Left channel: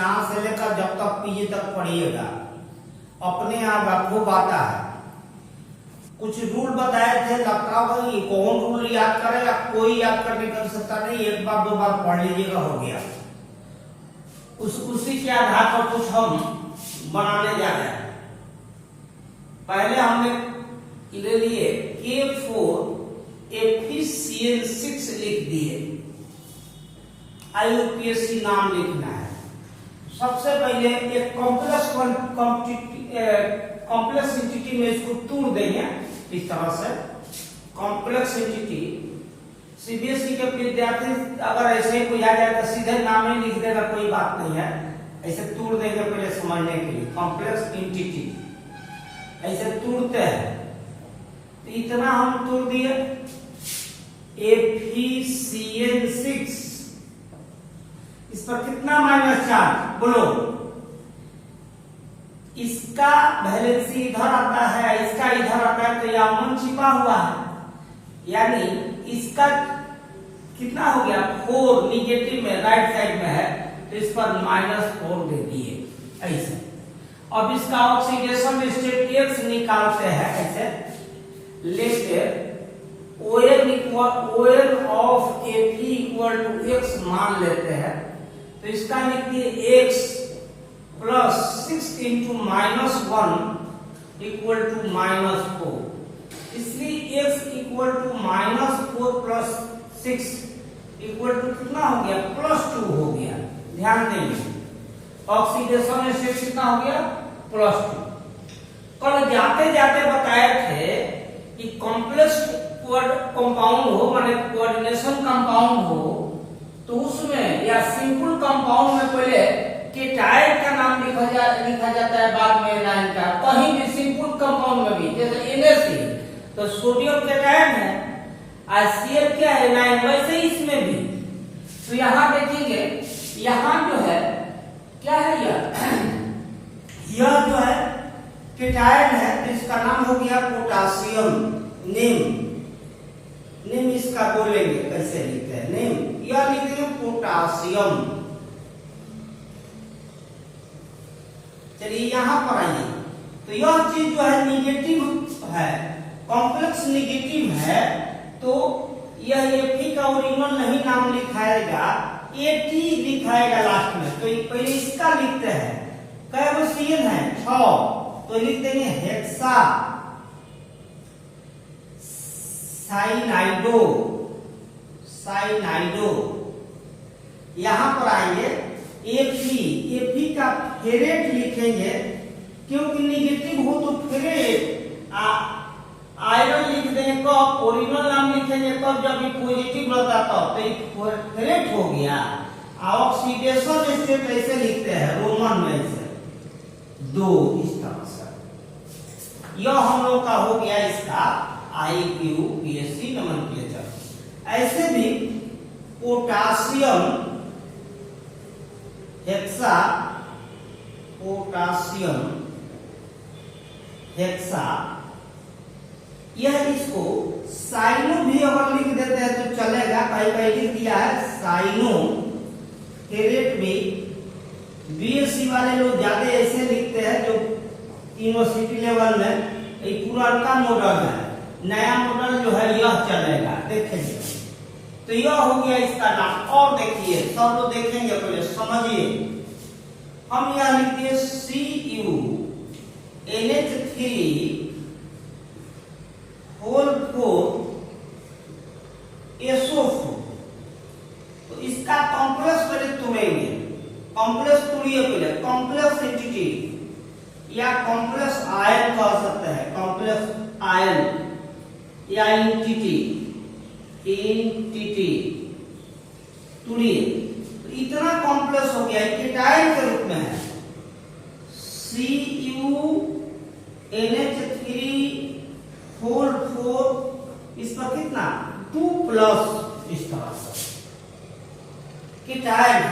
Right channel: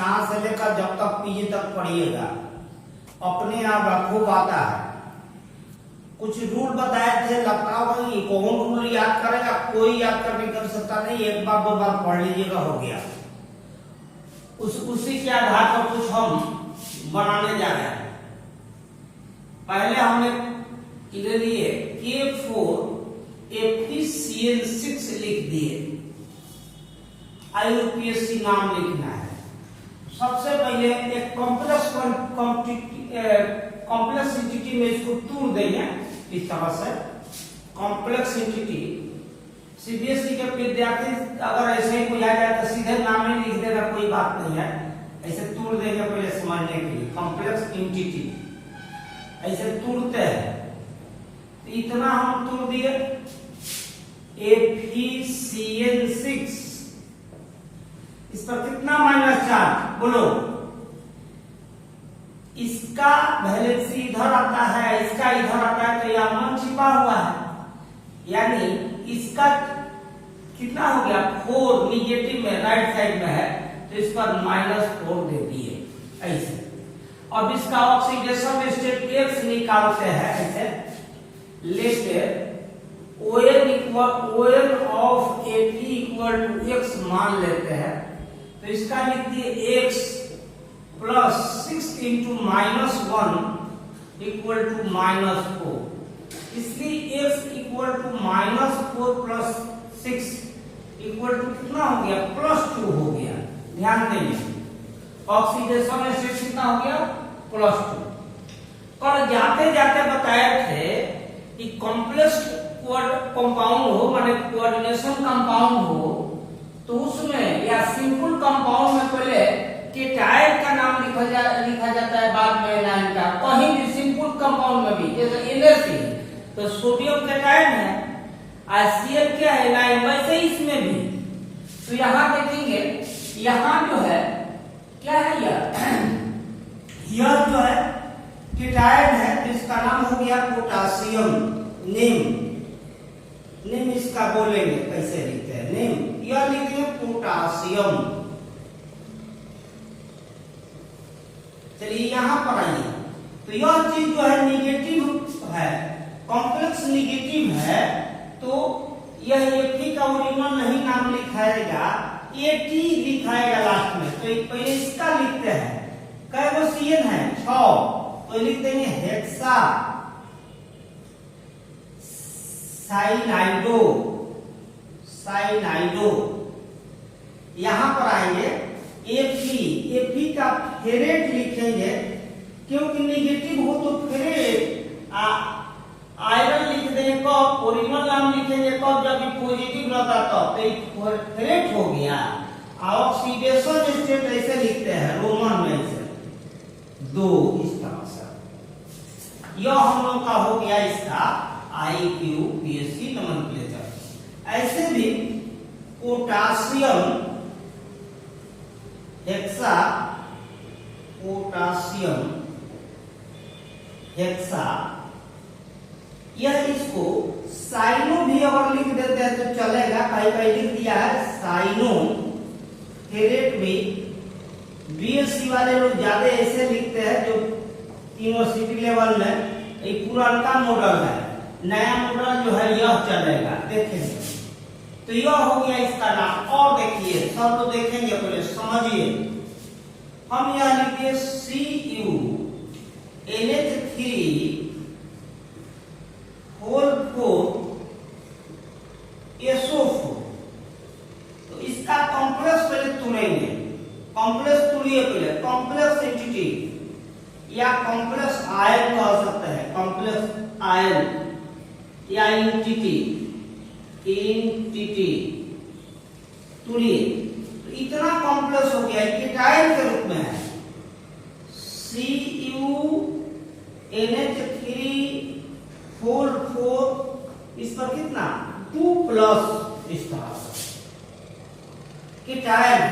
यहाँ से लेकर जब तक पीजी तक पढ़िएगा अपने आप खूब आता है। कुछ रूल बताए थे, लगता होगा कि कौन रूल याद करेगा, कोई याद करने कर सकता नहीं, एक बार दो बार पढ़ लीजिएगा हो गया। उसी के आधार पर कुछ हम बनाने जा रहे हैं। पहले हमने ले लिए K4 FeCN6 लिख दिए, IUPAC नाम लिखना है। सबसे पहले एक कॉम्प्लेक्स एंटिटी में इसको तोड़ देंगे इस तरह से। कॉम्प्लेक्स एंटिटी सीबीएसई के विद्यार्थी अगर ऐसे ही कोई आ जाए तो सीधे नाम ही लिख देगा, कोई बात नहीं है, ऐसे तोड़ देंगे पहले समझने के लिए। कॉम्प्लेक्स एंटिटी ऐसे तोड़ते हैं, तो इतना हम तोड़ दिए। FeCN6 इस पर कितना -4 बोलो। इसका वैलेंसी इधर आता है, इसका इधर आता है, तो यह 1 छिपा हुआ है, यानी इसका कितना हो गया 4 निगेटिव में राइट साइड में है, तो इस पर -4 दे दिए ऐसे। अब इसका ऑक्सीडेशन स्टेट X निकालते हैं ऐसे लेके ON of Fe equal to X मान लेते हैं, तो इसका लिख दिए X plus 6 into -1 equal to -4। इसलिए X equal to -4 plus 6 equal to कितना हो गया +2 हो गया। ध्यान देंगे ऑक्सीडेशन स्टेट कितना हो गया +2। कल जाते जाते बताए थे कि कॉम्प्लेक्स कंपाउंड हो माने कोऑर्डिनेशन कंपाउंड हो तो उसमें या सिंपल कंपाउंड में पहले केटायन का नाम लिखा जाता है, बाद में एनायन का। कहीं भी सिंपल कंपाउंड में भी जैसे NaC तो सोडियम केटायन है, HCl क्या है एनायन, वैसे ही इसमें भी। तो यहाँ देखेंगे यहाँ जो है क्या है यह जो है केटायन है, तो इसका नाम हो गया पोटासियम। नेम इसका बोलेंगे कैसे लिखते हैं नेम, यह लिखते हैं पोटासियम। चलिए यहाँ पर आइए, तो यह चीज जो है निगेटिव है, कॉम्प्लेक्स निगेटिव है, तो यह Fe का ओरिजिनल नहीं नाम लिखाएगा, AT लिखाएगा लास्ट में। तो पहले इसका लिखते हैं, कै गो CN है 6, तो लिख देंगे हेक्सा साइनाइडो। यहां पर आएंगे Fe का फेरेट लिखेंगे, क्योंकि निगेटिव हो तो फेरेट। आयरन लिख देंगे कब, ओरिजिनल नाम लिखेंगे कब, जब पॉजिटिव रहता तब, तो फेरेट हो गया। ऑक्सीडेशन स्टेट ऐसे लिखते हैं रोमन में से 2 इस तरह से। यह हम लोग का हो गया इसका IUPAC नोमेनक्लेचर। ऐसे भी पोटासियम हेक्सा यह इसको साइनो भी अगर लिख देते हैं तो चलेगा, कहीं लिख दिया है साइनो। फेरेट में BSc वाले लोग ज्यादा ऐसे लिखते हैं, जो यूनिवर्सिटी लेवल में ये पुराना मॉडल है, नया मॉडल जो है यह चलेगा। देखेंगे तो यह हो गया इसका नाम। और देखिए सब लोग देखेंगे, पहले समझिए। हम यह लिखिए CuNH3 तो इसका कॉम्प्लेक्स पहले तोड़ेंगे। कॉम्प्लेक्स तोड़िए पहले, कॉम्प्लेक्स एंटिटी या कॉम्प्लेक्स आयन कह सकते हैं, कॉम्प्लेक्स आयन या एंटिटी तोड़िए। तो इतना कॉम्प्लेक्स हो गया, केटायन के रूप में है CuNH3 इस पर कितना 2+ इस तरह से केटायन।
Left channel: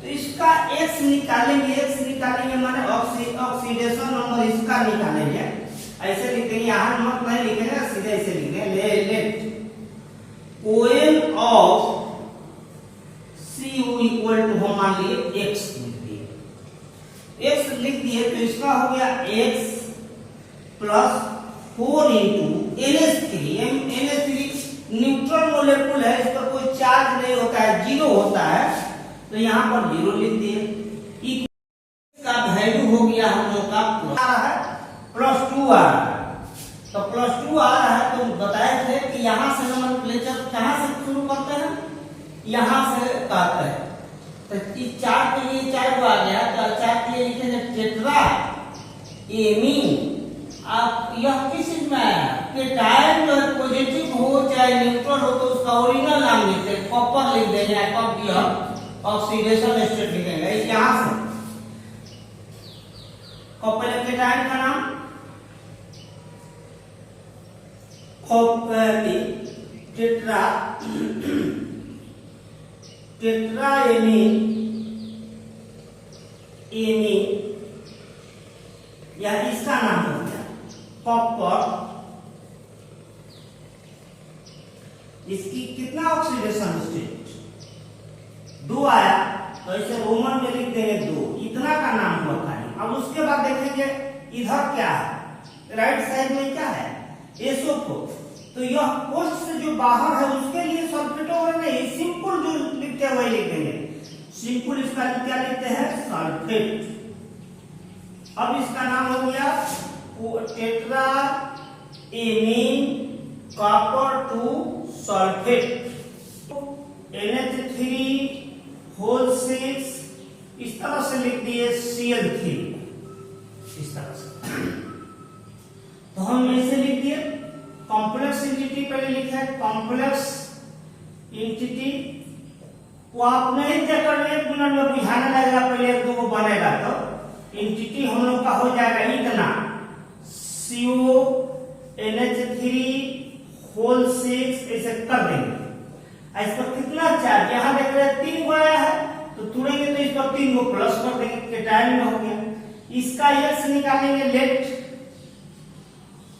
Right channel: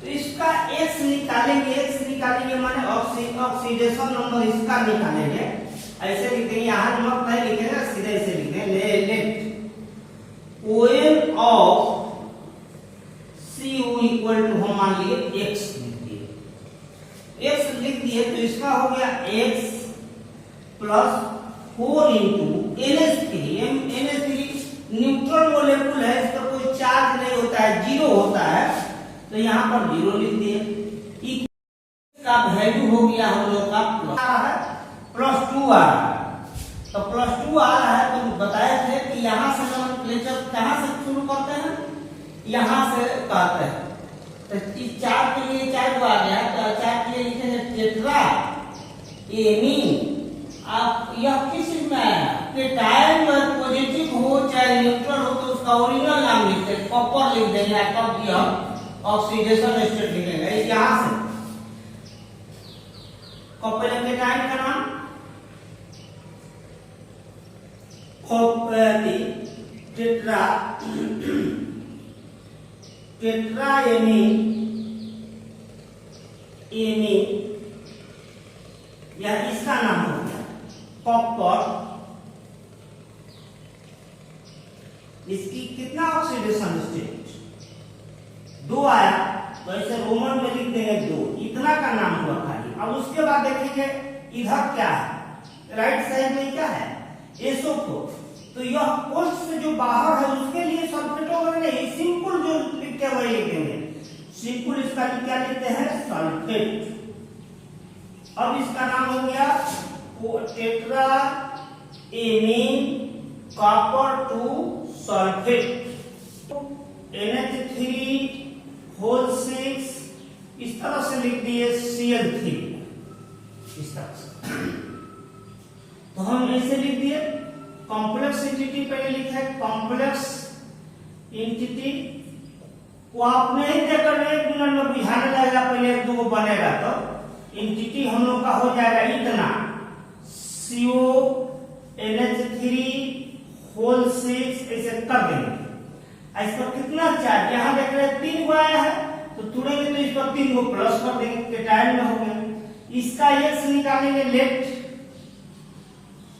तो इसका X निकालेंगे माने ऑक्सीडेशन नंबर इसका निकालेंगे। ऐसे लिखेंगे, यहाँ नंबर नहीं लिखेंगे, सीधे ऐसे लिखेंगे let ON of Cu equal to हम मान लिए X लिख दिए। लिख दिए तो इसका हो गया x plus 4 into NH3 neutral molecule है, इस पर कोई चार्ज नहीं होता है, जीरो होता है, तो यहाँ पर जीरो लिख दिए। का वैल्यू हो गया हम लोग का +2 आ रहा है, तो +2 आ रहा है तो बताए थे कि यहाँ से नोमेनक्लेचर कहाँ से शुरू करते हैं, यहाँ से कहते हैं। तो इस चार के लिए 4 को आ गया, तो 4 के लिए लिखेंगे टेट्रा एमीन। आप यह किस चीज में आया कि टाइम पॉजिटिव हो चाहे न्यूट्रल हो तो उसका ओरिजिनल नाम लिखते हैं, कॉपर लिख देंगे, कब यह ऑक्सीडेशन स्टेट लिखेंगे यहाँ से। कॉपर के टाइम का नाम टेट्रा एमीन या इसका नाम हो गया कॉपर। इसकी कितना ऑक्सीडेशन स्टेट 2 आया, तो इसे रोमन में लिख देंगे 2, इतना का नाम हुआ खाली। अब उसके बाद देखेंगे इधर क्या है, राइट साइड में क्या है SO4, तो यह कोष्ठ से जो बाहर है उसके लिए सल्फेट नहीं, सिंपल जो लिखते हैं वही लिखेंगे, सिंपल इसका क्या लिखते हैं सल्फेट। अब इसका नाम हो गया tetra amine copper 2 sulphate NH3 whole 6, इस तरह से लिख दिए Cl3, इस तरह से। तो हम ऐसे लिख दिए। कॉम्प्लेक्स एंटिटी पहले लिखा है, कॉम्प्लेक्स एंटिटी को आप नहीं देकर 1 मिनट में बुझाने लगेगा, पहले 1-2 को बनेगा। तो एंटिटी हम लोग का हो जाएगा इतना CO NH3 होल 6, ऐसे कर देंगे। इस पर कितना चार्ज यहाँ देख रहे हैं 3 को आया है, तो तुड़ेंगे तो इस पर 3 को प्लस कर देंगे, केटायन में हो गया। इसका x निकालेंगे, let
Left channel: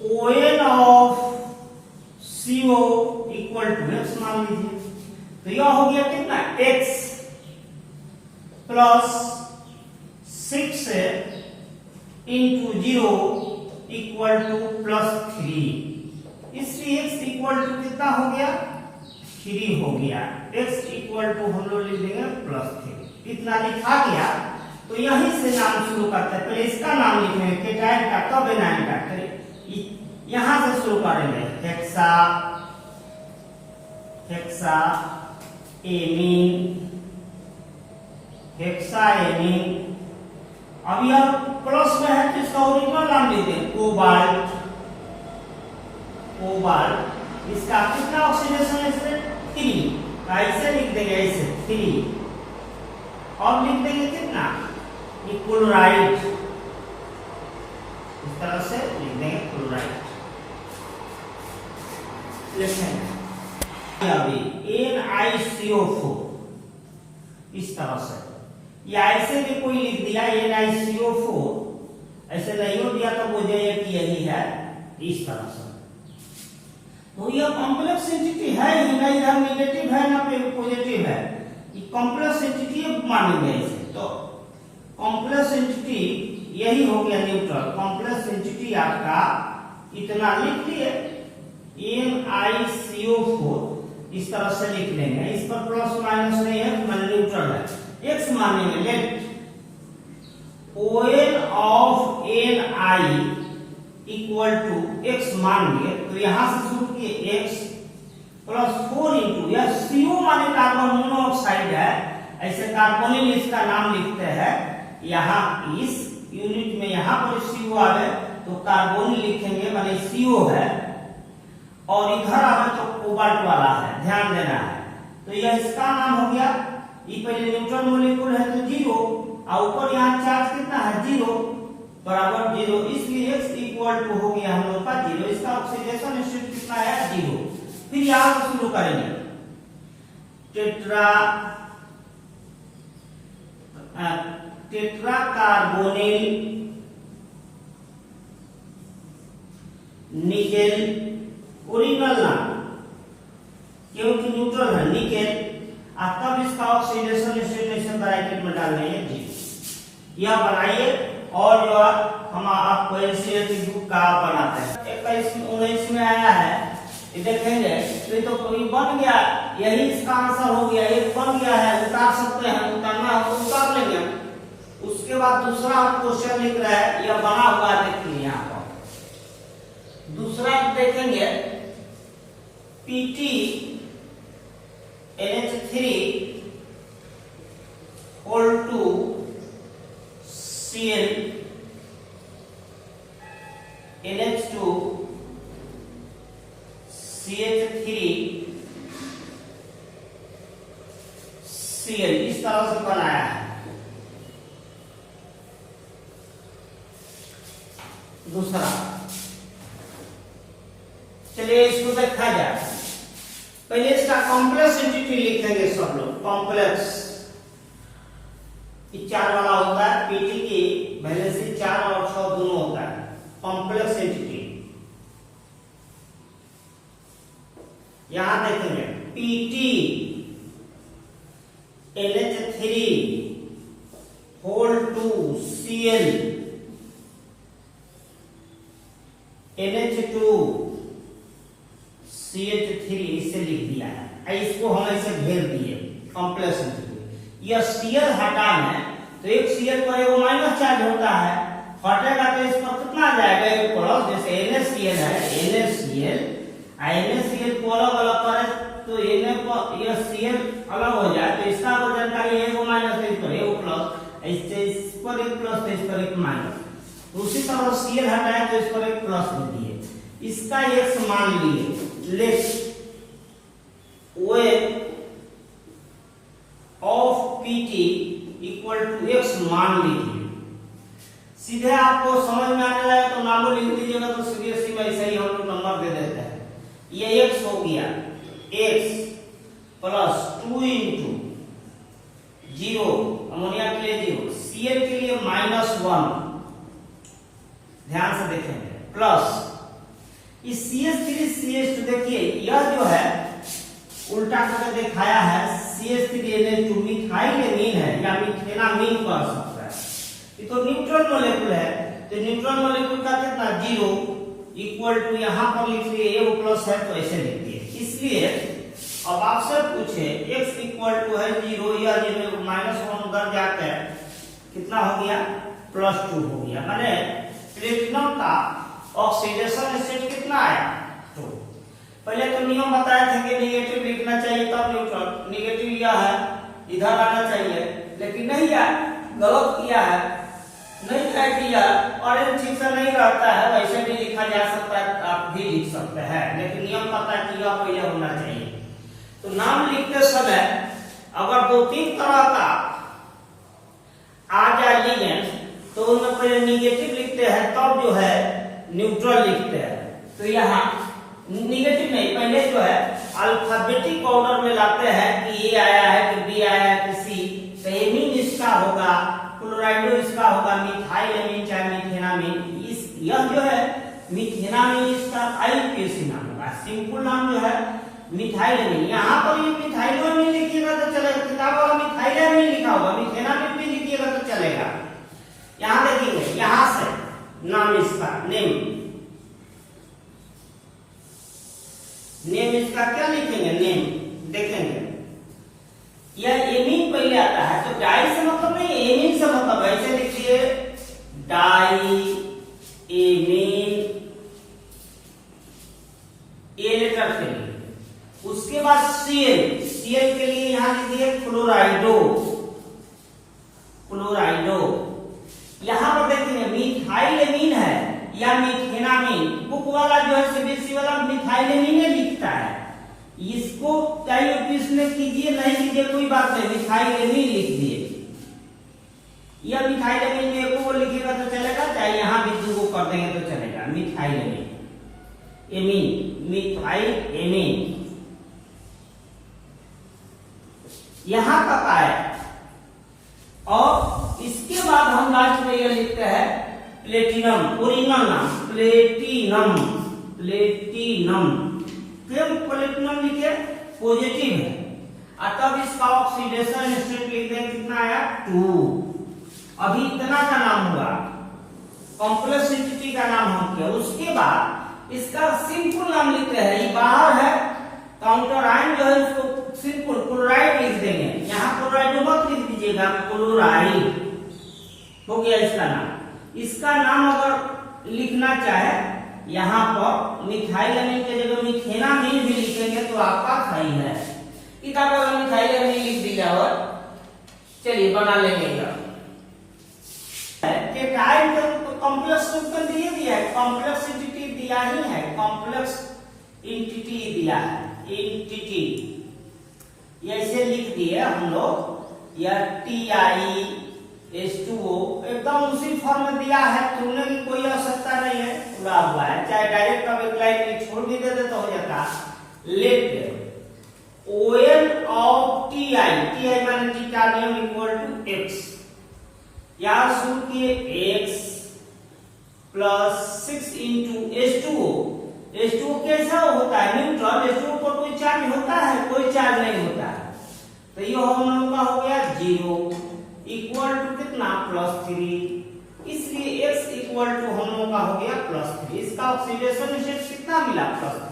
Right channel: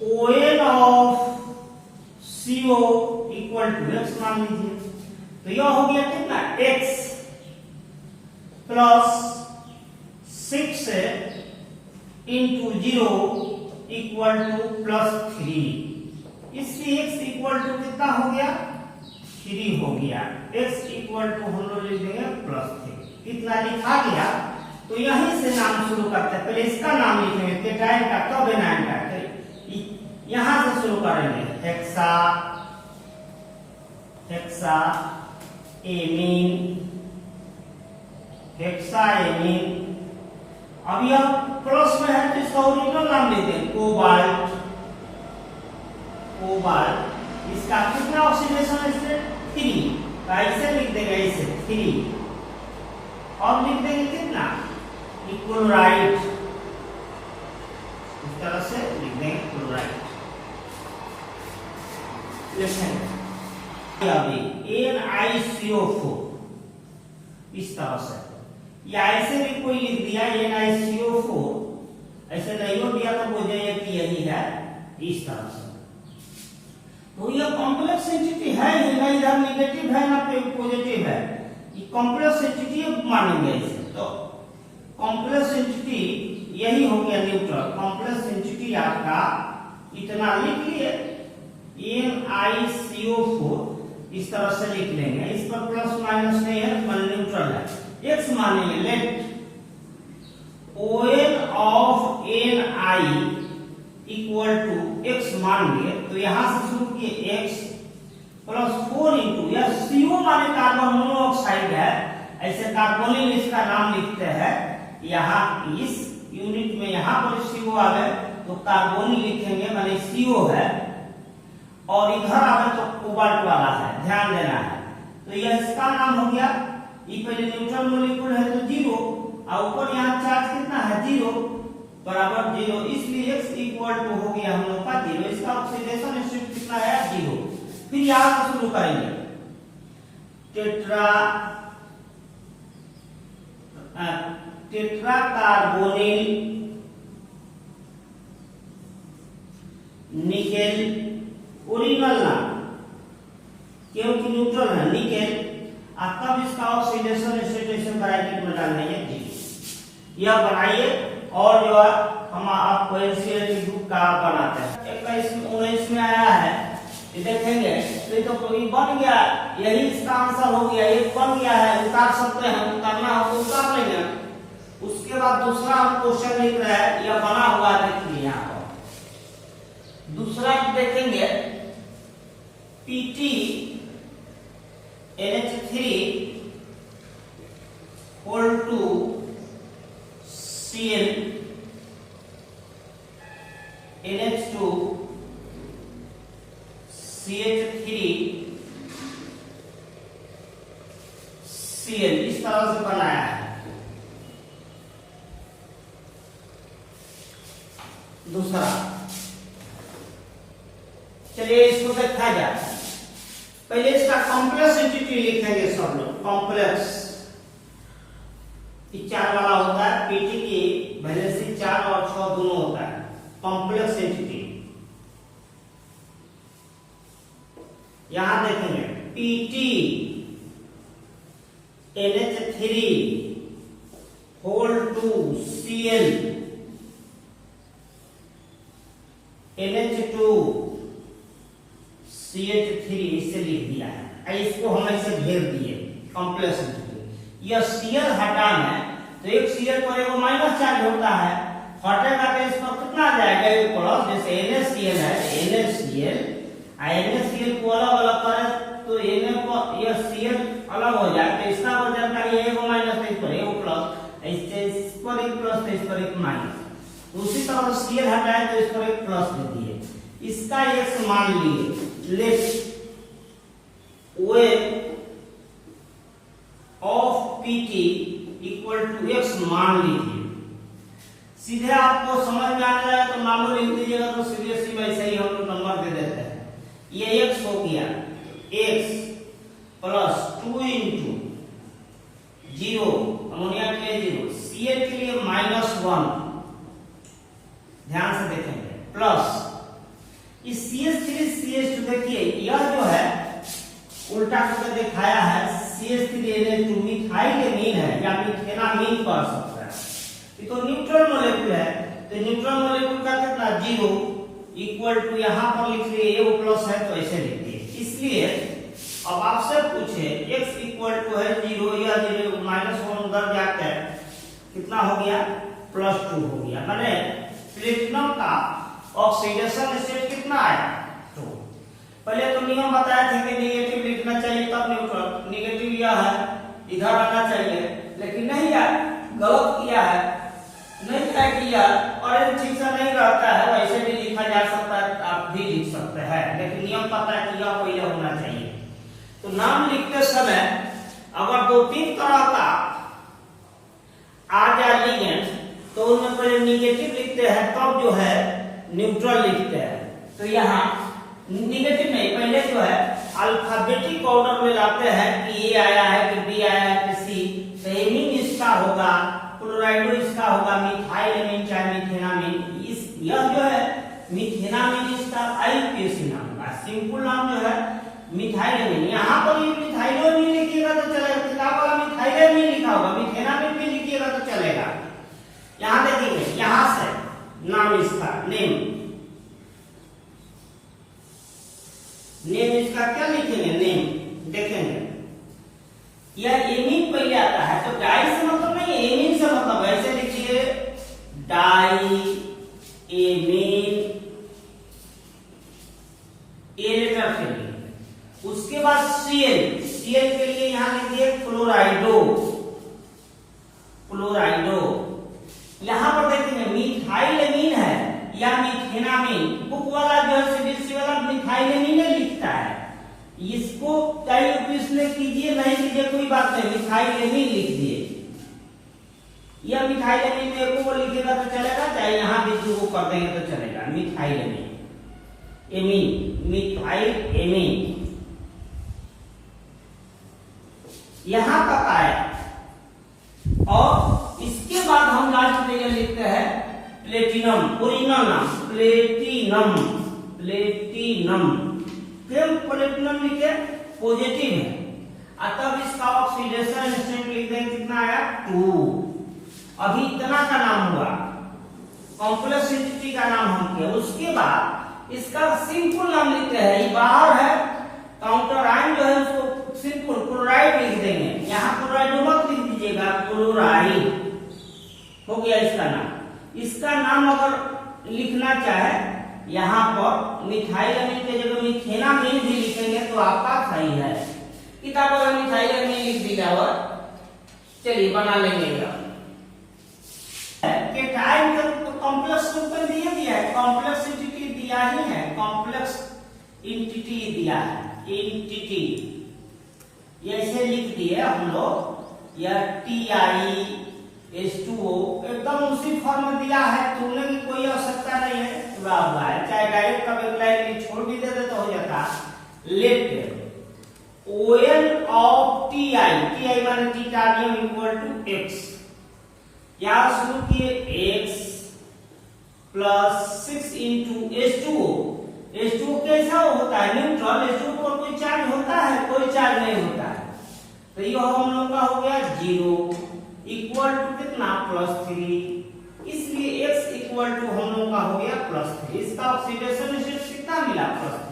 ON of CO equal to x मान लीजिए, तो यह हो गया कितना x plus 6 into 0 equal to +3। इसलिए x इक्वल टू कितना हो गया 3 हो गया, x इक्वल टू हम लोग लिख देंगे +3। इतना लिखा गया, तो यहीं से नाम शुरू करते हैं। पहले इसका नाम लिखेंगे केटायन का, तब एनायन का, यहां से शुरू करेंगे हेक्सा एमीन। अब यह प्लस में है तो इसका ओरिजिनल नाम लिख देंगे कोबाल्ट। इसका कितना ऑक्सीडेशन स्टेट 3, ऐसे लिख देंगे, ऐसे 3। और लिख देंगे कितना क्लोराइड, इस तरह से लिख देंगे क्लोराइड। अभी NiCO4 इस तरह से, या ऐसे भी कोई लिख दिया NiCO4, ऐसे नहीं हो दिया तो बोझे कि यही है, इस तरह से। तो यह कॉम्प्लेक्स एंटिटी है ही नहीं, इधर नेगेटिव है ना पॉजिटिव है, ये कॉम्प्लेक्स एंटिटी मानेंगे इसे। तो कॉम्प्लेक्स एंटिटी यही हो गया न्यूट्रल। कॉम्प्लेक्स एंटिटी आपका इतना लिख लिए NiCO4, इस तरह से लिख लेंगे, इस पर प्लस माइनस नहीं है, मान न्यूट्रल है। x मानेंगे, let ON of Ni equal to x मान लिए, तो यहां से शुरू किए x प्लस 4 इंटू, यह CO माने कार्बन मोनोऑक्साइड है, ऐसे कार्बोनिल इसका नाम लिखते हैं। यहाँ इस यूनिट में यहाँ पर CO आ गए तो कार्बोनिल लिखेंगे, माने CO है, और इधर आ गए तो कोबाल्ट वाला है, ध्यान देना है। तो यह इसका नाम हो गया, ये पहले न्यूट्रल मॉलिक्यूल है तो 0, और ऊपर यहाँ चार्ज कितना है 0 बराबर 0, इसलिए x इक्वल टू हो गया हम लोग का 0। इसका ऑक्सीडेशन स्टेट कितना है 0। फिर यहां से शुरू करेंगे टेट्रा कार्बोनिल निकेल, ओरिजिनल नाम क्योंकि न्यूट्रल है निकेल, तब इसका ऑक्सीडेशन स्टेट ब्रैकेट में डाल देंगे 0। यह बनाइए और जो है हम आपको NCERT की बुक का बनाते हैं। 21-19 में आया है, ये देखेंगे तो ये बन गया, यही इसका आंसर हो गया, एक बन गया है, उतार सकते हैं, उतारना है तो उतार लेंगे। उसके बाद दूसरा हम क्वेश्चन लिख रहे हैं, यह बना हुआ देखिए यहाँ पर। दूसरा देखेंगे PT NH3 whole to Cl NH2 CH3 Cl, इस तरह से बनाया है। दूसरा, चलिए इसको देखा जाए। पहले इसका कॉम्प्लेक्स एंटिटी लिखेंगे सब लोग। कॉम्प्लेक्स 4 वाला होता है, पीटी की वैलेंसी 4 और 6 दोनों होता है। कॉम्प्लेक्स एंटिटी यहां देखेंगे PT NH3 whole to Cl NH2 CH3, इसे लिख दिया है। इसको हम ऐसे घेर दिए कॉम्प्लेक्स एंटिटी। यह Cl हटाना है तो एक Cl पर एक माइनस चार्ज होता है, हटेगा तो इस पर कितना आ जाएगा, एक प्लस। जैसे NaCl है, NaCl को अलग अलग करें तो Na पर यह Cl अलग हो जाए तो इसका वजन का ये एक माइनस है, इस पर एक प्लस, इससे इस पर एक प्लस तो इस पर एक माइनस। उसी तरह Cl हटाए तो इस पर एक प्लस दे दिए। इसका x मान लिए, लेट वेट of PT equal to x मान लीजिए। सीधे आपको समझ में आने लगा तो नाम लिख दीजिएगा, तो सीरियसली वैसे ही हम नंबर दे देते हैं। ये x हो गया, x प्लस 2 इंटू 0, अमोनिया के लिए 0, Cl के लिए -1, ध्यान से देखेंगे, प्लस इस CH3 CH2, देखिए यह जो है उल्टा करके दिखाया है, CH3NH2 मिथाइलेमीन है या मिथेनामीन कर सकता है। ये तो न्यूट्रल मॉलिक्यूल है, तो न्यूट्रल मॉलिक्यूल का कितना 0 इक्वल टू यहां पर लिख लिए A प्लस है तो ऐसे लिख दिए। इसलिए अब आपसे पूछे x इक्वल टू है 0 या 0 -1 उधर जाकर कितना हो गया, +2 हो गया। माने प्लेटिनम का ऑक्सीडेशन स्टेट कितना आया, तो पहले तो नियम बताए थे कि निगेटिव लिखना चाहिए तब न्यूट्रल, निगेटिव यह है इधर आना चाहिए, लेकिन नहीं यार गलत किया है, नहीं क्या किया, और ठीक से नहीं रहता है, वैसे भी लिखा जा सकता है, आप भी लिख सकते हैं, लेकिन नियम पता किया पहले होना चाहिए। तो नाम लिखते समय अगर 2-3 तरह का आ जाए लिगेंड तो उनमें पहले निगेटिव लिखते हैं, तब जो है न्यूट्रल लिखते हैं। तो यहाँ निगेटिव नहीं, पहले जो है अल्फाबेटिक ऑर्डर में लाते हैं कि ए आया है कि बी आया है कि सी, तो एमीन इसका होगा, क्लोराइडो इसका होगा, मिथाइलेमीन चाहे मिथेनामीन, इस यह जो है मिथेनामीन इसका IUPAC नाम होगा, सिंपल नाम जो है मिथाइलेमीन। यहाँ पर भी मिथाइलेमीन लिखिएगा तो चलेगा, किताब वाला मिथाइलेमीन लिखा होगा, मिथेनामीन भी लिखिएगा तो चलेगा। यहाँ देखिए, यहाँ से नाम इसका नेम इसका क्या लिखेंगे, नेम देखेंगे, यह एमीन पहले आता है, तो डाई से मतलब नहीं, एमीन से मतलब, ऐसे लिखिए डाई एमीन, ए लेटर के लिए। उसके बाद Cl के लिए यहां लिखिए क्लोराइडो, यहां पर देखेंगे मिथाइलेमीन है या मिथेनामीन, बुक वाला जो है सीबीएसई वाला मिथाइलेमीन लिखता है, इसको चाहे ऑफिस में कीजिए नहीं कीजिए कोई बात नहीं, मिथाइलेमीन लिख दिए। यह मिथाइलेमीन में एक को लिखिएगा तो चलेगा, चाहे यहाँ भी 2 को कर देंगे तो चलेगा। मिथाइलेमीन, एमीन, मिथाइलेमीन यहां तक आए, और इसके बाद हम लास्ट में यह लिखते हैं प्लेटिनम, ओरिजिनल नाम प्लेटिनम, क्यों प्लेटिनम लिखे, पॉजिटिव है, तब इसका ऑक्सीडेशन स्टेट लिख देंगे, कितना आया 2। अभी इतना का नाम हुआ, कॉम्प्लेक्स एंटिटी का नाम हम किया। उसके बाद इसका सिंपल नाम लिखते हैं, ये बाहर है काउंटर आयन जो है उसको सिंपल क्लोराइड लिख देंगे। यहाँ क्लोराइड मत लिख दीजिएगा, क्लोराइड हो गया इसका नाम। इसका नाम अगर लिखना चाहे यहाँ पर मिथाइल अमीन के जगह मिथेना अमीन भी लिखेंगे तो आपका सही है। किताब अगर मिथाइल अमीन लिख दिया हो, चलिए बना लेंगे। केटाइन का कॉम्प्लेक्स ग्रुप दिए दिया है, कॉम्प्लेक्स एंटिटी दिया ही है, कॉम्प्लेक्स एंटिटी दिया है, एंटिटी ऐसे लिख दिए हम लोग, या TiH2O एकदम उसी फॉर्म में दिया है, तुमने भी कोई आवश्यकता नहीं है, पूरा हुआ है। चाहे डायरेक्ट अब एक लाइन में छोड़ भी देते तो हो जाता। Let ON of Ti, Ti माने टिटानियम इक्वल टू X, याद शुरू किए x plus 6 into H2O। H2O कैसा होता है? न्यूट्रल। H2O पर कोई चार्ज होता है? कोई चार्ज नहीं होता है। तो ये हम लोग का हो गया 0 इक्वल टू कितना? +3। इसलिए x इक्वल टू हम लोग का हो गया +3। इसका ऑक्सीडेशन स्टेट कितना मिला? +3।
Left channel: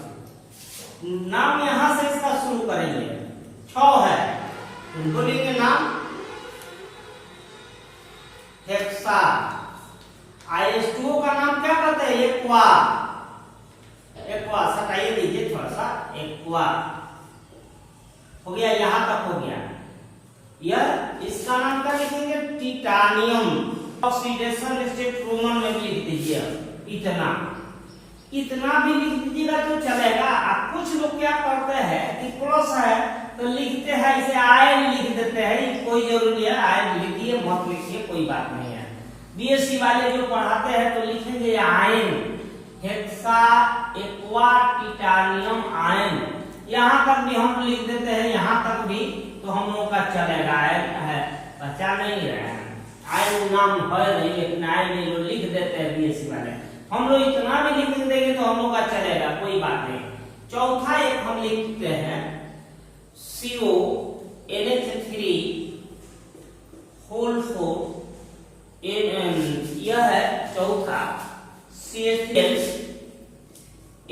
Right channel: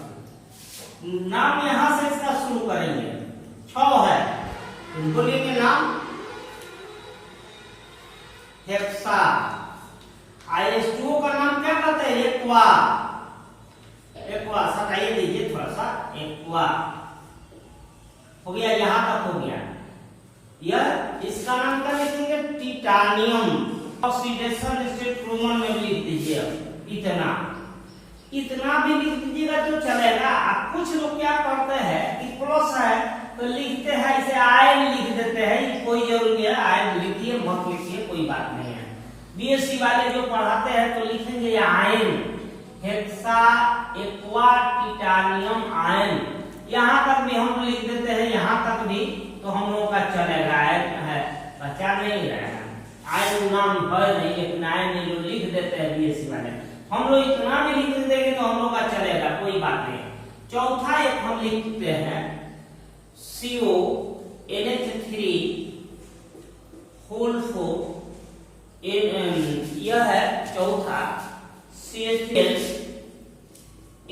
नाम यहां से इसका शुरू करेंगे, 6 है, बोलेंगे नाम हेक्सा। IH2O का नाम क्या कहते हैं? एक्वा। एक्वा सटाइए दीजिए थोड़ा सा, एक्वा हो गया, यहां तक हो गया। यह इसका नाम क्या लिखेंगे? टिटानियम। ऑक्सीडेशन स्टेट रोमन में लिख दीजिए इतना, इतना भी लिख दीजिएगा तो चलेगा। आप कुछ लोग क्या करते हैं कि प्लस है तो लिखते हैं इसे आयन लिख देते हैं, कोई जरूरी है आयन लिखिए मत लिखिए, कोई बात नहीं है। बीएससी वाले जो पढ़ाते हैं तो लिखेंगे ion, hexa aqua titanium ion, यहाँ तक भी हम लिख देते हैं, यहाँ तक भी तो हम लोग का चलेगा। आयन है, बच्चा नहीं है, आयन नाम है नहीं, लेकिन आयन जो लिख देते हैं बीएससी वाले, हम लोग इतना भी लिख देंगे तो हम लोग का चलेगा, कोई बात नहीं। चौथा एक हम लिखते हैं CO NH3 होल 4, यह है चौथा CH3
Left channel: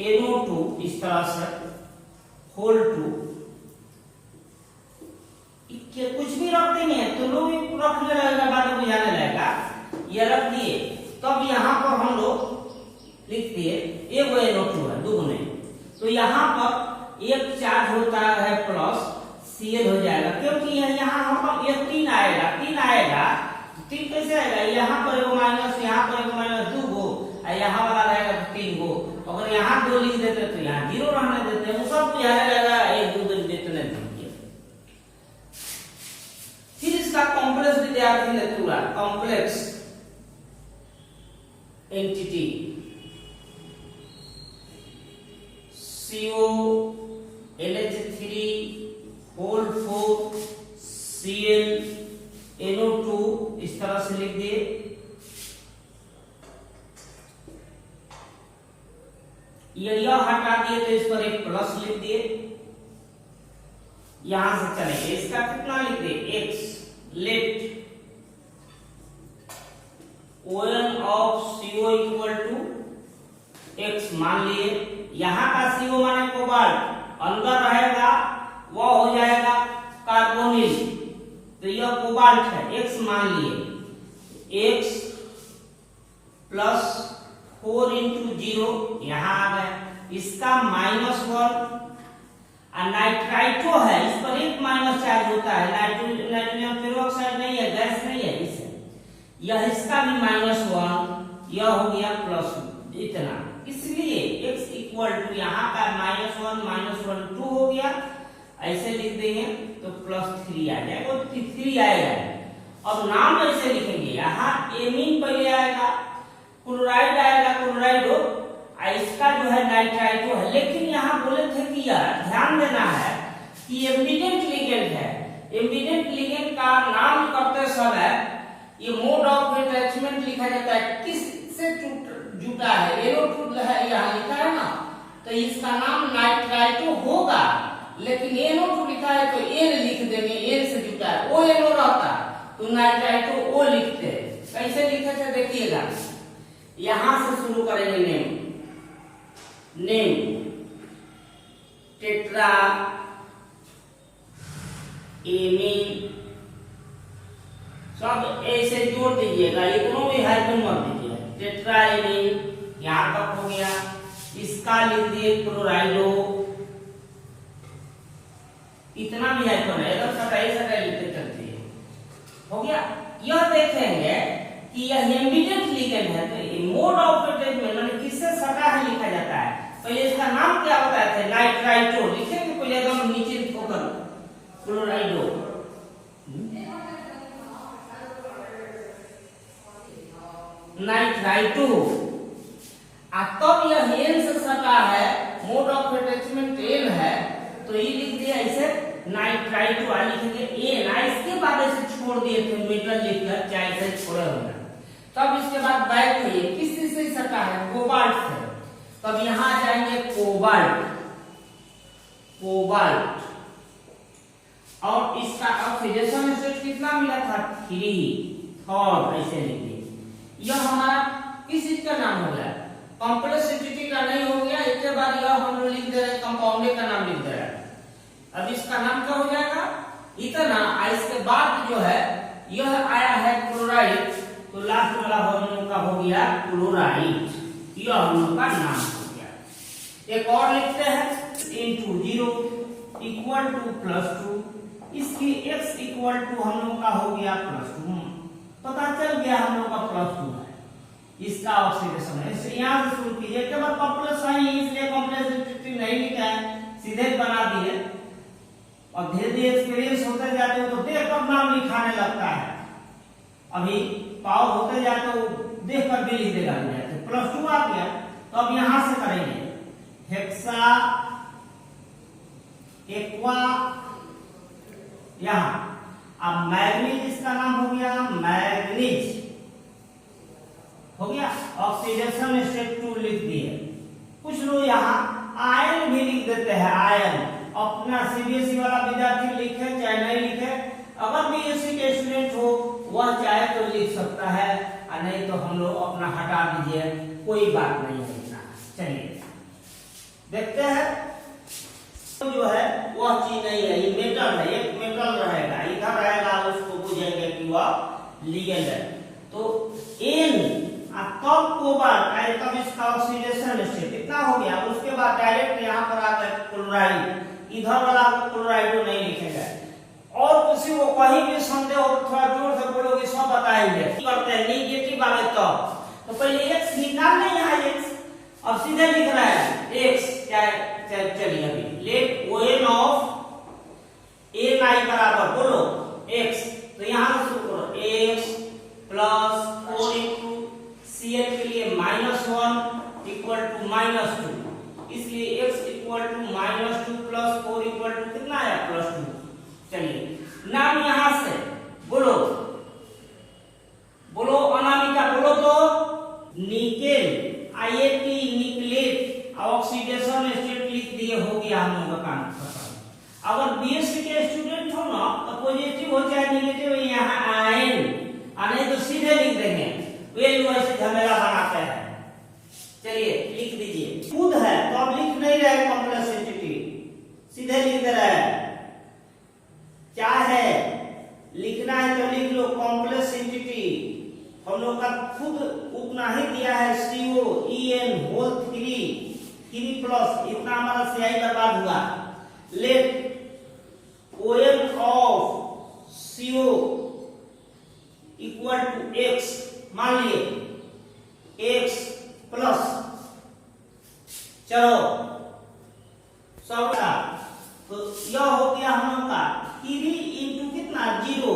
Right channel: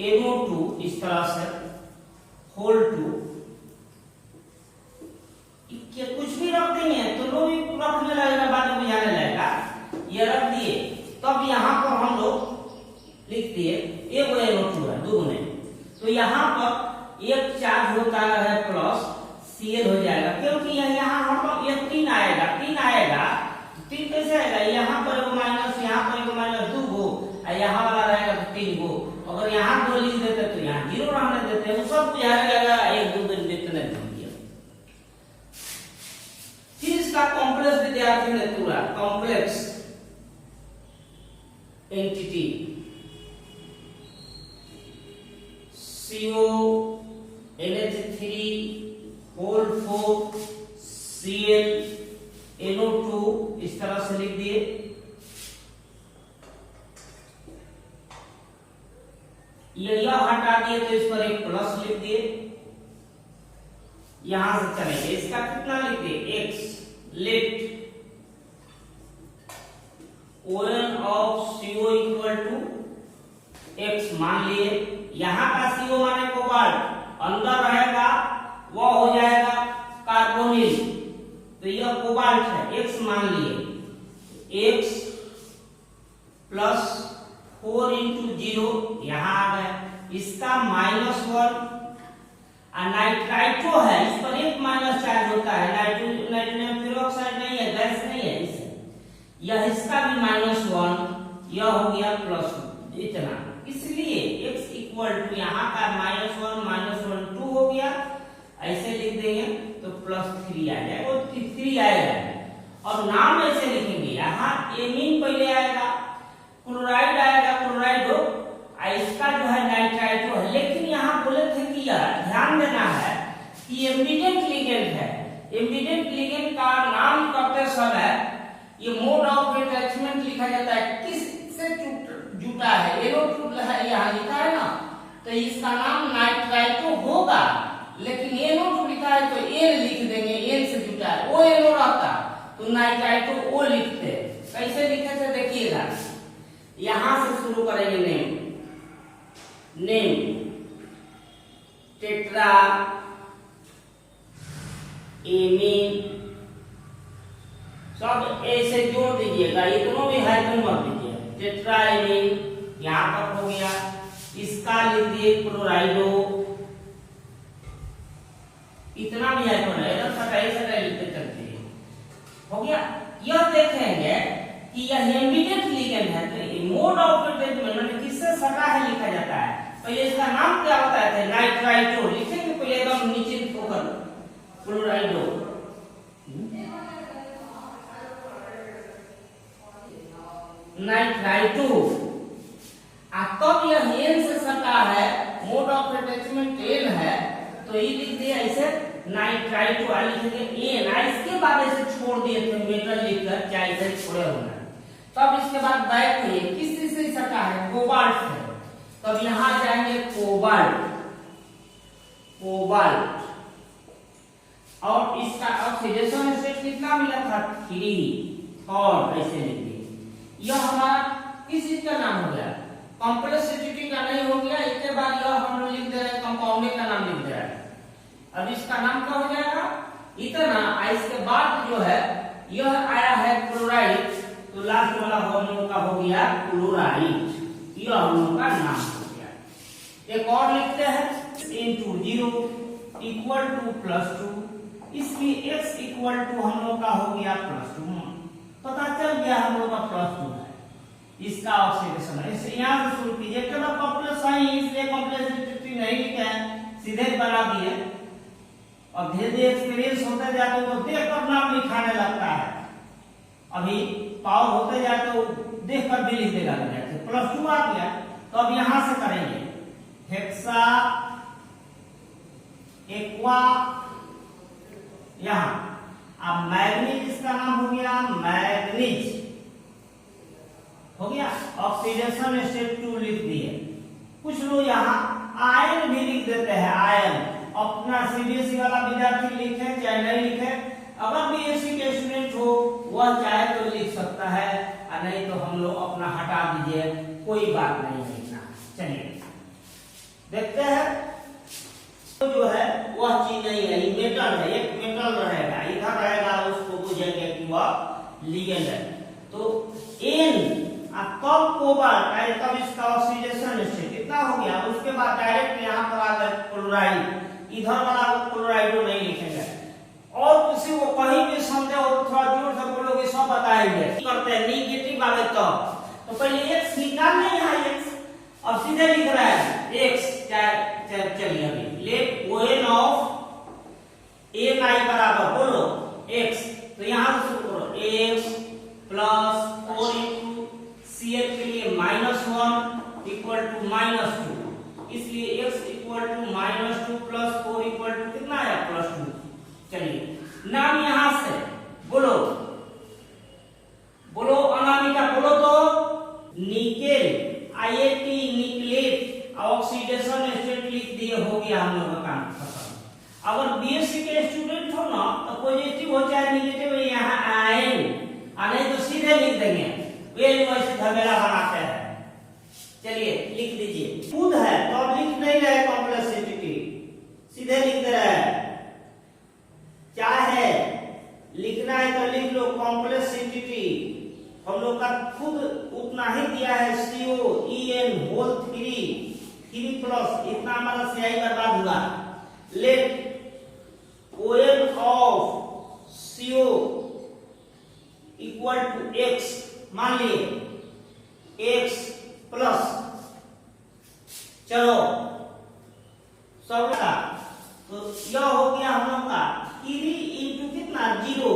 NO2, इस तरह से होल 2, कुछ भी रख देंगे तो लोग रखने लगेगा, बाद में बुझाने लगेगा। ये रख दिए, तब यहाँ पर हम लोग लिख दिए एक NO2 है, दो नहीं, तो यहाँ पर एक चार्ज होता है प्लस Cl हो जाएगा, क्योंकि यहाँ पर ये 3 आएगा, 3 आएगा, 3 कैसे आएगा? यहाँ पर एगो माइनस, यहाँ पर एगो माइनस, 2 गो, यहाँ वाला रहेगा 3 गो। अगर यहाँ 2 लिख देते तो यहाँ 0 रहने देते, वो सब बुझाने लगा, 1 2 देते नहीं। फिर इसका कॉम्प्लेक्स विद्यार्थी ने पूरा complex entity CO NH3 whole 4 Cl NO2 इस तरह से लिख दिए। यह हटा दिए तो इस पर एक प्लस लिख दिए, यहां से चलेंगे, इसका कितना लिख दिए? x। Let ON of CO equal to x मान लिए। यहाँ का CO माने कोबाल्ट, अंदर रहेगा वह हो जाएगा कार्बोनिल, तो यह कोबाल्ट है, x मान लिए। x प्लस 4 इंटू 0 यहाँ आ गए, इसका -1। नाइट्राइटो है, इस पर एक माइनस चार्ज होता है, नाइट्रोजन पेरोक्साइड नहीं है, गैस नहीं है, इसे यह इसका भी -1, यह हो गया +1 इतना। इसलिए x इक्वल टू यहाँ का -1 -1 2 हो गया, ऐसे लिख देंगे तो +3 आ जाएगा, 3 आएगा। और नाम ऐसे लिखेंगे, यहाँ एमीन पहले आएगा, क्लोराइड आएगा, क्लोराइडो, इसका जो है नाइट्राइटो है। लेकिन यहाँ बोले थे कि ध्यान देना है कि एम्बिडेंट लिगेंड है, एम्बिडेंट लिगेंड का नाम करते समय ये मोड ऑफ अटैचमेंट लिखा जाता है, किससे जुटा है, NO2 है यहाँ लिखा है ना, तो इसका नाम नाइट्राइटो होगा, लेकिन NO2 लिखा है तो N लिख देंगे, N से जुटा है, ONO रहता तो नाइट्राइटो O लिखते। कैसे लिखे थे देखिएगा, यहां से शुरू करेंगे नेम। नेम टेट्रा एमीन सब ऐसे जोड़ दीजिएगा, इतना भी हाइफन मत दीजिए। टेट्रा एमीन यहां तक हो गया। इसका लिख दिए क्लोराइडो, इतना भी हाइफन है, इधर सटाई सटाई लिखते चलते हैं। हो गया। यह देखेंगे कि यह इमीडिएट लिगेंड है, तो मोड ऑफ अटैचमेंट माने किससे सटा है लिखा जाता है। पहले इसका नाम क्या बताए थे? नाइट्राइटो लिखेंगे पहले एकदम नीचे होकर क्लोराइडो। नाइट्राइटो तब यह एन से सटा है, मोड ऑफ अटैचमेंट एन है, तो ये लिख दिया ऐसे नाइट्राइटो लिखेंगे एन। इसके बाद ऐसे छोड़ दिए थे मेटल लिखकर, चाहे इधर छोड़े होना। तब इसके बाद बैक हुई किस चीज से सटा है? कोबाल्ट से। तब यहां जाएंगे कोबाल्ट, कोबाल्ट और इसका ऑक्सीडेशन स्टेट कितना मिला था? 3 और ऐसे लिखिए। यह हमारा किस चीज का नाम हो गया? कॉम्प्लेक्सिटी का नहीं हो गया। इसके बाद यह हम लोग लिख दे रहे हैं कंपाउंड का नाम लिख दे रहे हैं। अब इसका नाम क्या हो जाएगा? इतना। इसके बाद जो है यह आया है क्लोराइड, तो लास्ट वाला हम लोग का हो गया क्लोराइड। यह हम लोग का नाम हो गया। एक और लिखते हैं into 0 इक्वल टू +2। इसकी x इक्वल टू हम लोग का हो गया +2। पता चल गया हम लोग का +2 है। इसका ऑक्सीडेशन है। इसे यहां से शुरू कीजिए। केवल कॉम्प्लेक्स है इसलिए कॉम्प्लेक्सिटी नहीं लिखा है, सीधे बना दिए। और धीरे धीरे एक्सपीरियंस होते जाते तो देख कर नाम लिखाने लगता है। अभी पावर होते जाते तो देख कर भी लिख देगा। +2 आ गया। तो अब यहां से करेंगे हेक्सा एक्वा यहां। अब मैग्नीज इसका नाम हो गया मैग्नीज हो गया। ऑक्सीडेशन स्टेट 2 लिख दिए। कुछ लोग यहाँ आयन भी लिख देते हैं। आयन अपना सीबीएसई वाला विद्यार्थी लिखे चाहे नहीं लिखे, अगर बीएससी के स्टूडेंट हो वह चाहे तो लिख सकता है, और नहीं तो हम लोग अपना हटा दीजिए, कोई बात नहीं लिखना। चलिए देखते हैं। तो जो है वह चीज नहीं है, ये मेटल है, एक मेटल रहेगा इधर रहेगा, उसको बुझेंगे कि वह लिगेंड है। तो एन तब कोबाल्ट आए, तब इसका ऑक्सीडेशन स्टेट कितना हो गया। उसके बाद डायरेक्ट यहाँ पर आ गया क्लोराइड, इधर वाला क्लोराइडो नहीं लिखेंगे। और किसी को कहीं भी संदेह हो तो थोड़ा जोर से बोलोगे, सब बताएंगे। करते हैं निगेटिव वाले तो पहले x निकालना है। यहाँ x अब सीधे लिख रहा है x। चलिए अभी लेट ओएन ऑफ एन आई बराबर बोलो x। तो यहां से शुरू करो x प्लस 4 into Cl के लिए -1 इक्वल टू -2, इसलिए x equal to -2 plus 4 equal to कितना आया? +2। चलिए नाम यहां से बोलो, बोलो अनामिका बोलो तो निकेल IAT निकलेट ऑक्सीडेशन स्टेट लिख दिए, हो गया हम लोग का काम खत्म। अगर बीएससी के स्टूडेंट हो ना तो पॉजिटिव हो चाहे नेगेटिव यहाँ आयन, नहीं तो सीधे लिख देंगे, वैल्यू ऐसे झमेला बनाते हैं। चलिए लिख दीजिए। खुद है तो अब लिख नहीं रहे कॉम्प्लेक्सिटी, सीधे लिख दे रहे हैं। चाहे लिखना है तो लिख लो कॉम्प्लेक्सिटी, हम लोग का खुद उतना ही दिया है COEN होल 3 प्लस इतना हमारा CI बर्बाद हुआ। Let ON of CO equal to x, मान लिए x प्लस, चलो सब का तो यह हो गया हम लोग का 3 इंटू कितना 0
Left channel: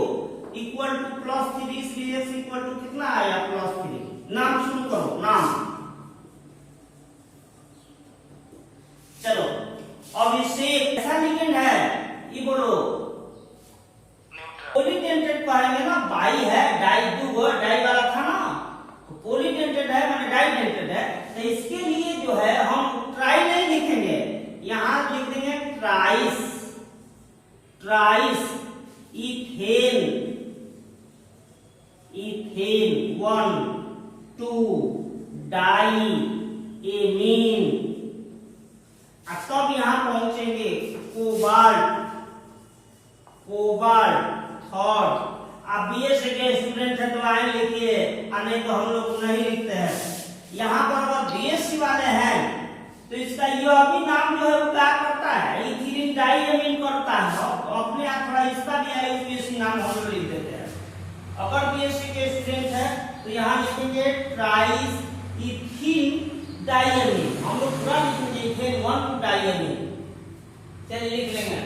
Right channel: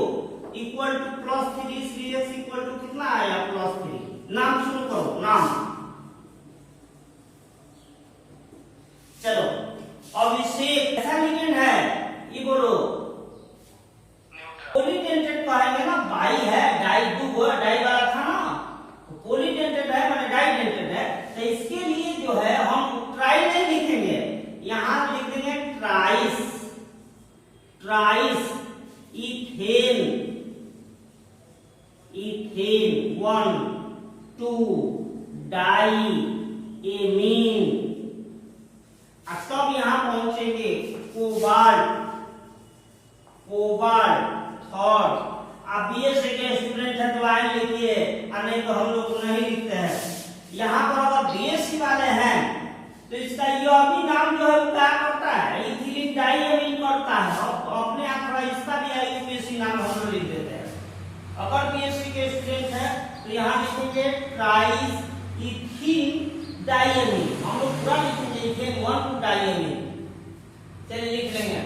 इक्वल टू +3, इसलिए x इक्वल टू कितना आया +3। नाम शुरू करो, नाम। चलो अब इसे ऐसा लिगेंड है, ये बोलो पॉलीडेंटेड पाएंगे ना, बाई है डाई, दो डाई वाला था ना, तो पॉलीडेंटेड है माने डाइडेंटेड है। तो इसके लिए जो है हम ट्राई नहीं लिखेंगे, यहां लिख देंगे ट्राइस, ट्राइस इथेन, इथेन 1 2 डाई एमीन। तब यहां पहुंचेंगे कोबाल्ट, कोबाल्ट थर्ड। आप बीएससी के स्टूडेंट हैं तो आए लिखिए, और नहीं तो हम लोग नहीं लिखते हैं। यहाँ पर अगर बीएससी वाले हैं तो इसका यह भी नाम जो है वो क्या करता है, इथिलीन डाइएमीन करता है। तो अपने आप थोड़ा इसका भी आईयूपीएसी नाम हम लोग लिख देते हैं। अगर बीएससी के स्टूडेंट है तो यहाँ लिखेंगे ट्राइस इथिलीन डाइएमीन। हम लोग पूरा लिखेंगे इथेन 1 2 डाइएमीन। चलिए लिख लेंगे।